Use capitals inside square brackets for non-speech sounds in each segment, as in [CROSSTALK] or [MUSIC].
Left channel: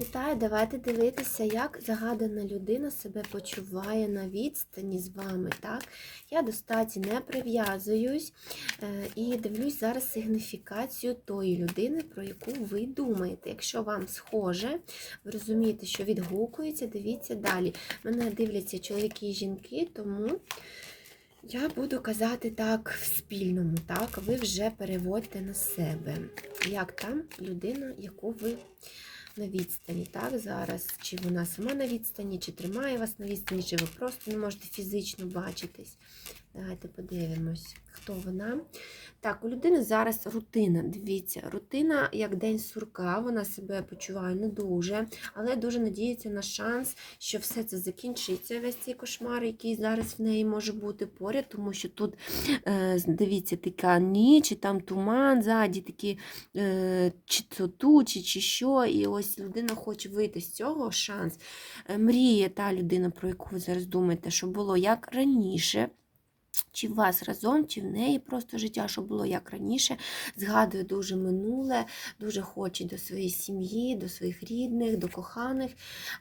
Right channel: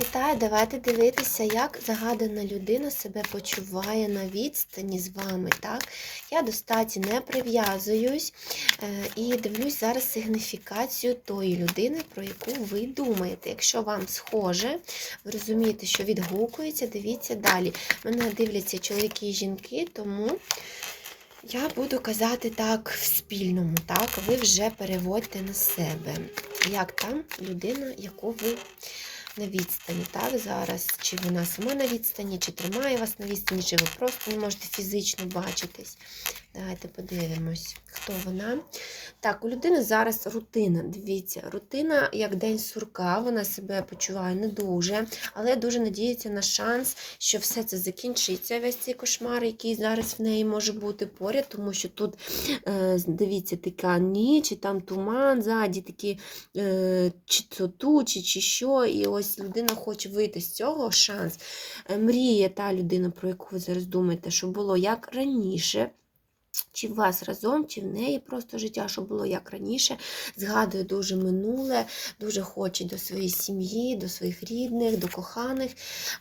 Вітаю, давайте дивитися, як загадана людина себе почуває на відстані з вами. Так? Я до статі не прив'язуюсь е, і дивлюсь зараз сигніфікацію тої людини, про яку ви думаєте. Якщо вам схоже, ви розумієте, що відгукується, дивіться далі. Мене дивляться чоловіки і жінки, тому. Я буду казати так в спільному, так, ви вже переводьте на себе. Як там людина, яку ви на відстані, так, зараз, чи вона сама на відстані, чи тримає вас на відстані, чи ви просто не можете фізично бачитись. Давайте подивимось, хто вона. Так, у людини зараз рутина. Дивіться, рутина як день сурка, вона себе почуває не дуже, але дуже надіється на шанс, що все це закінчиться, весь цей кошмар, який зараз в неї може бути поряд, тому що тут, е, дивіться, така ніч, і там туман, ззаді такі е, чи то тучі, чи що. І ось людина хоче вийти з цього шанс. Е, Мріє та людина, про яку ви зараз думаєте, що було як раніше. Чи в вас разом, чи в неї просто життя, що було як раніше, згадує дуже минуле, дуже хоче до своєї сім'ї, до своїх рідних, до коханих.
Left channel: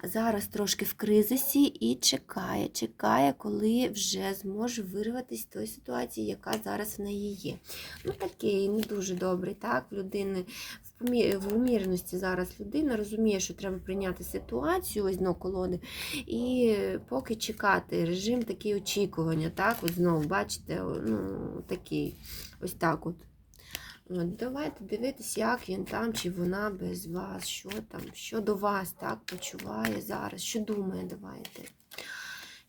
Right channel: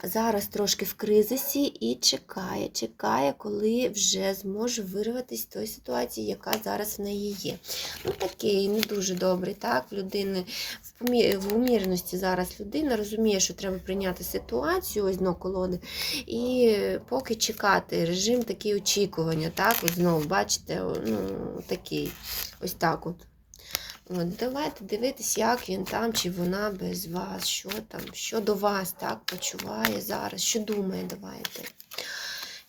Зараз трошки в кризисі і чекає, чекає, коли вже зможе вирватися з тої ситуації, яка зараз в неї є. Ну, такий не дуже добрий, так, в людини в в умірності зараз людина розуміє, що треба прийняти ситуацію, ось дно колоди, і поки чекати, режим такий очікування, так, ось знову, бачите, ну, такий, ось так от. От, давайте дивитись, як він там, чи вона без вас, що там, що до вас так почуває зараз, що думає, давайте.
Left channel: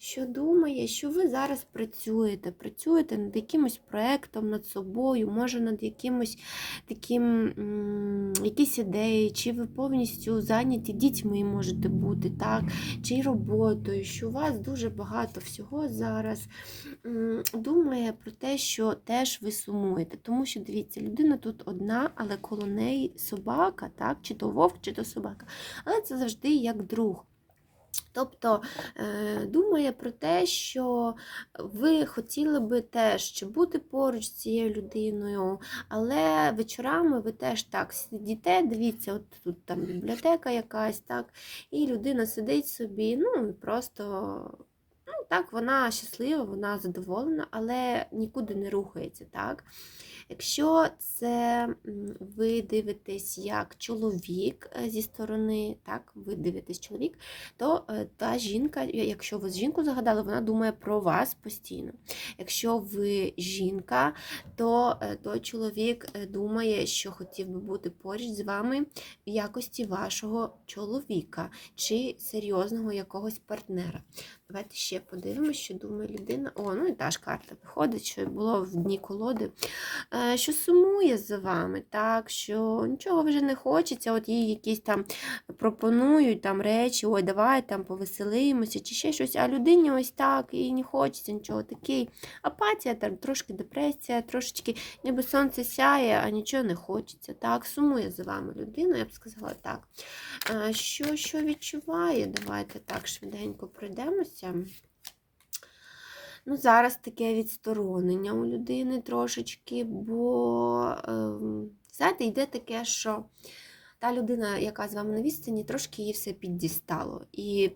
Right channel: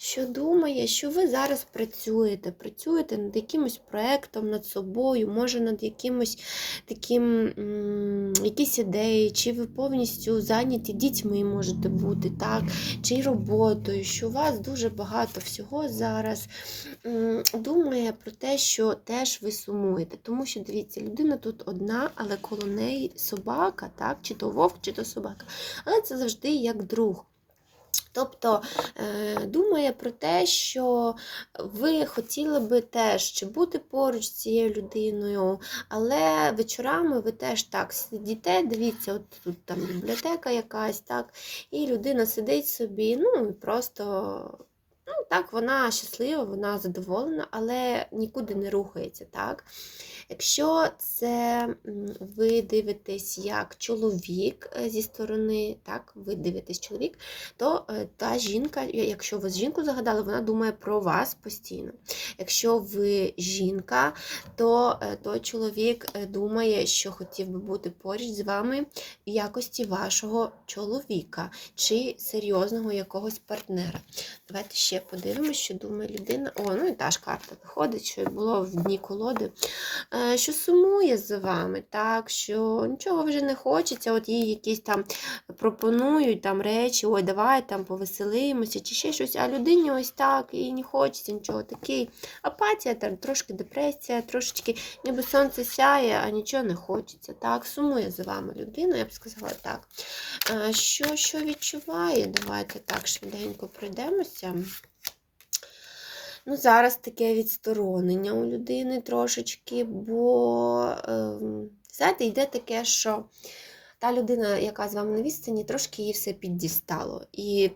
Що думає, що ви зараз працюєте, працюєте над якимось проєктом, над собою, може над якимось таким, якісь ідеї, чи ви повністю зайняті дітьми можете бути, так, чи роботою, що у вас дуже багато всього зараз думає про те, що теж ви сумуєте. Тому що, дивіться, людина тут одна, але коло неї собака, так, чи то вовк, чи то собака. Але це завжди як друг. Тобто е, думає про те, що ви хотіли би теж бути поруч з цією людиною, але вечорами ви теж так сидіте, дивіться, от тут там бібліотека якась, так, і людина сидить собі, ну і просто. Ну, так, вона щаслива, вона задоволена, але нікуди не рухається. так. Якщо це ви дивитесь як чоловік е, зі сторони, так, ви дивитесь чоловік, то е, та жінка, якщо ви жінку загадали, вона думає про вас постійно. Якщо ви жінка, то е, той чоловік думає, що хотів би бути поруч з вами в якості вашого чоловіка чи серйозного якогось партнера. Давайте ще подивимося, що думає людина. О, ну і та ж карта виходить, що було в дні колоди, е, що сумує за вами, так, що нічого вже не хочеться, от їй якісь там пропонують там речі, ой, давай там повеселимося, чи ще щось, а людині ось так, і не хочеться нічого. Такий апатія, там, трошки депресія, трошечки, ніби сонце сяє, а нічого не хочеться. Так, сумує за вами людина, я б сказала так. Е, Що, що відчуває? Давайте так швиденько пройдемося. Ну, зараз таке відсторонення у людини трошечки, бо, ем, знаєте, йде таке, що та людина, яка з вами на відстані, трошки її все піддістало. І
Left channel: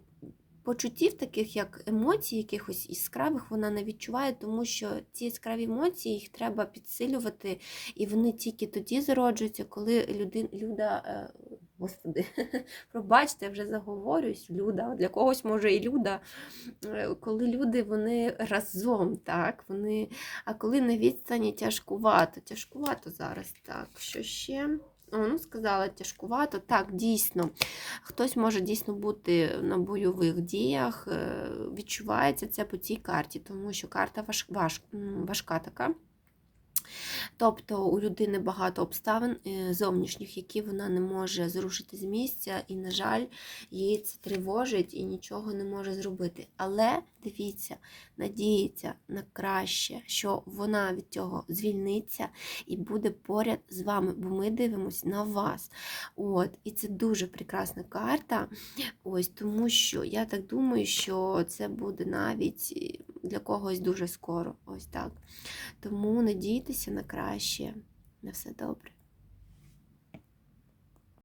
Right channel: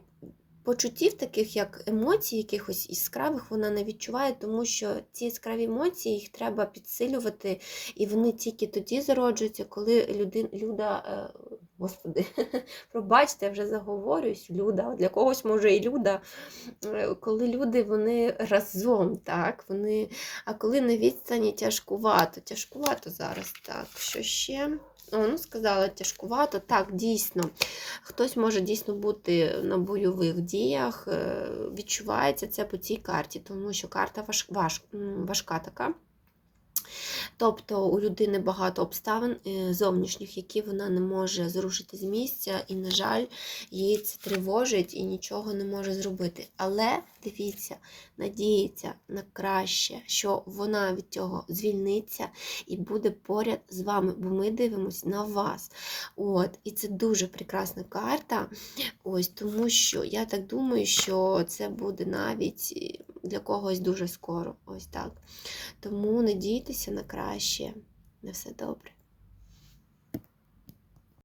почуттів таких, як емоцій, якихось яскравих, вона не відчуває, тому що ці яскраві емоції їх треба підсилювати, і вони тільки тоді зароджуються, коли людин, люда. Господи, [LAUGHS] пробачте, я вже заговорююсь, люда. Для когось може і люда, Е, коли люди вони разом, так, вони, а коли на відстані тяжкувато, тяжкувато зараз, так, що ще? Ну, сказала тяжкувато, так, дійсно. Хтось може дійсно бути на бойових діях, е, відчувається це по цій карті, тому що карта важ, важка така. Тобто у людини багато обставин е, зовнішніх, які вона не може зрушити з місця, і, на жаль, її це тривожить і нічого не може зробити. Але дивіться, надіється на краще, що вона від цього звільниться і буде поряд з вами, бо ми дивимося на вас. От, І це дуже прекрасна карта. Ось тому що я так думаю, що це буде навіть для когось дуже скоро. Ось так. Тому надійтеся на краще. На все добре.